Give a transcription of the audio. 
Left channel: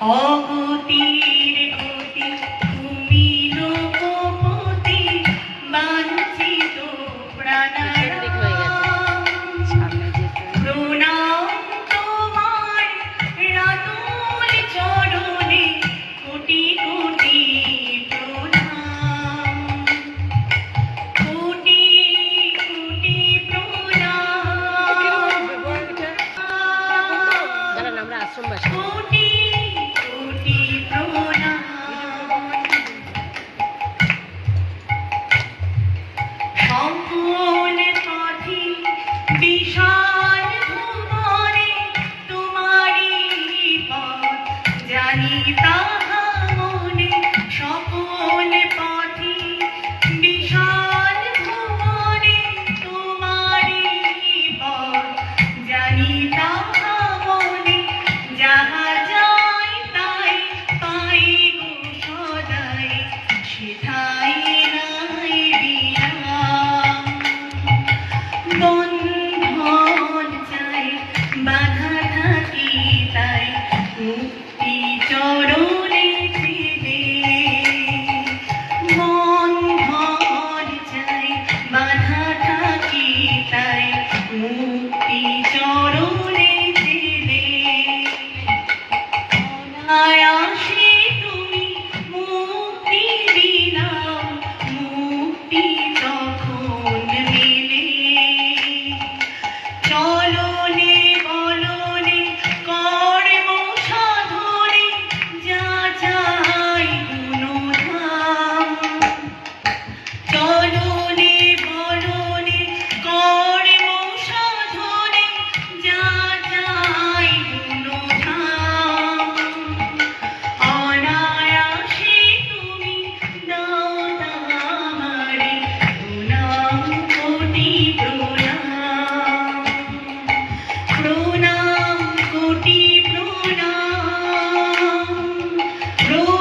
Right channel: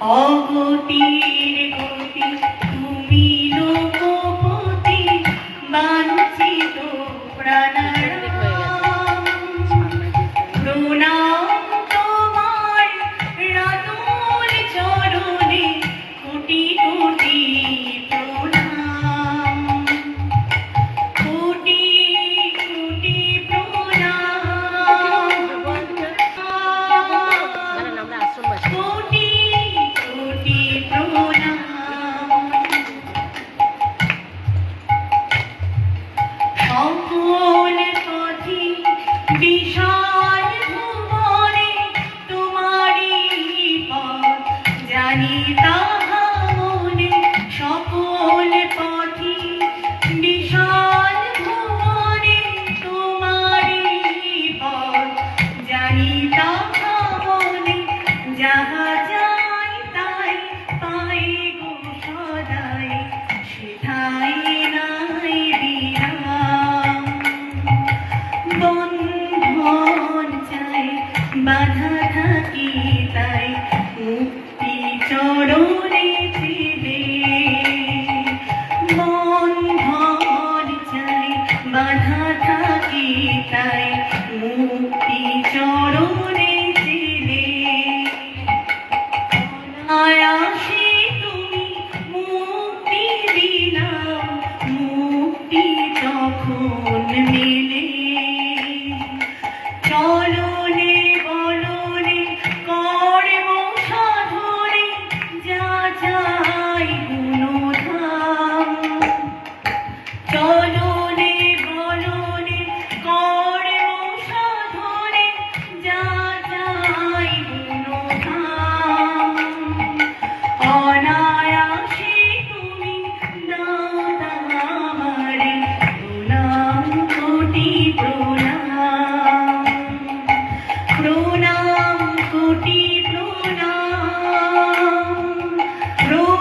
অগতির গতি তুমি লোকপতি বাঞ্ছিত প্রণাম তোমার রাতুল চরণে কোটি কোটি প্রণাম। কোটি কোটি প্রণাম। কোটি জানি তাহা মনে সকল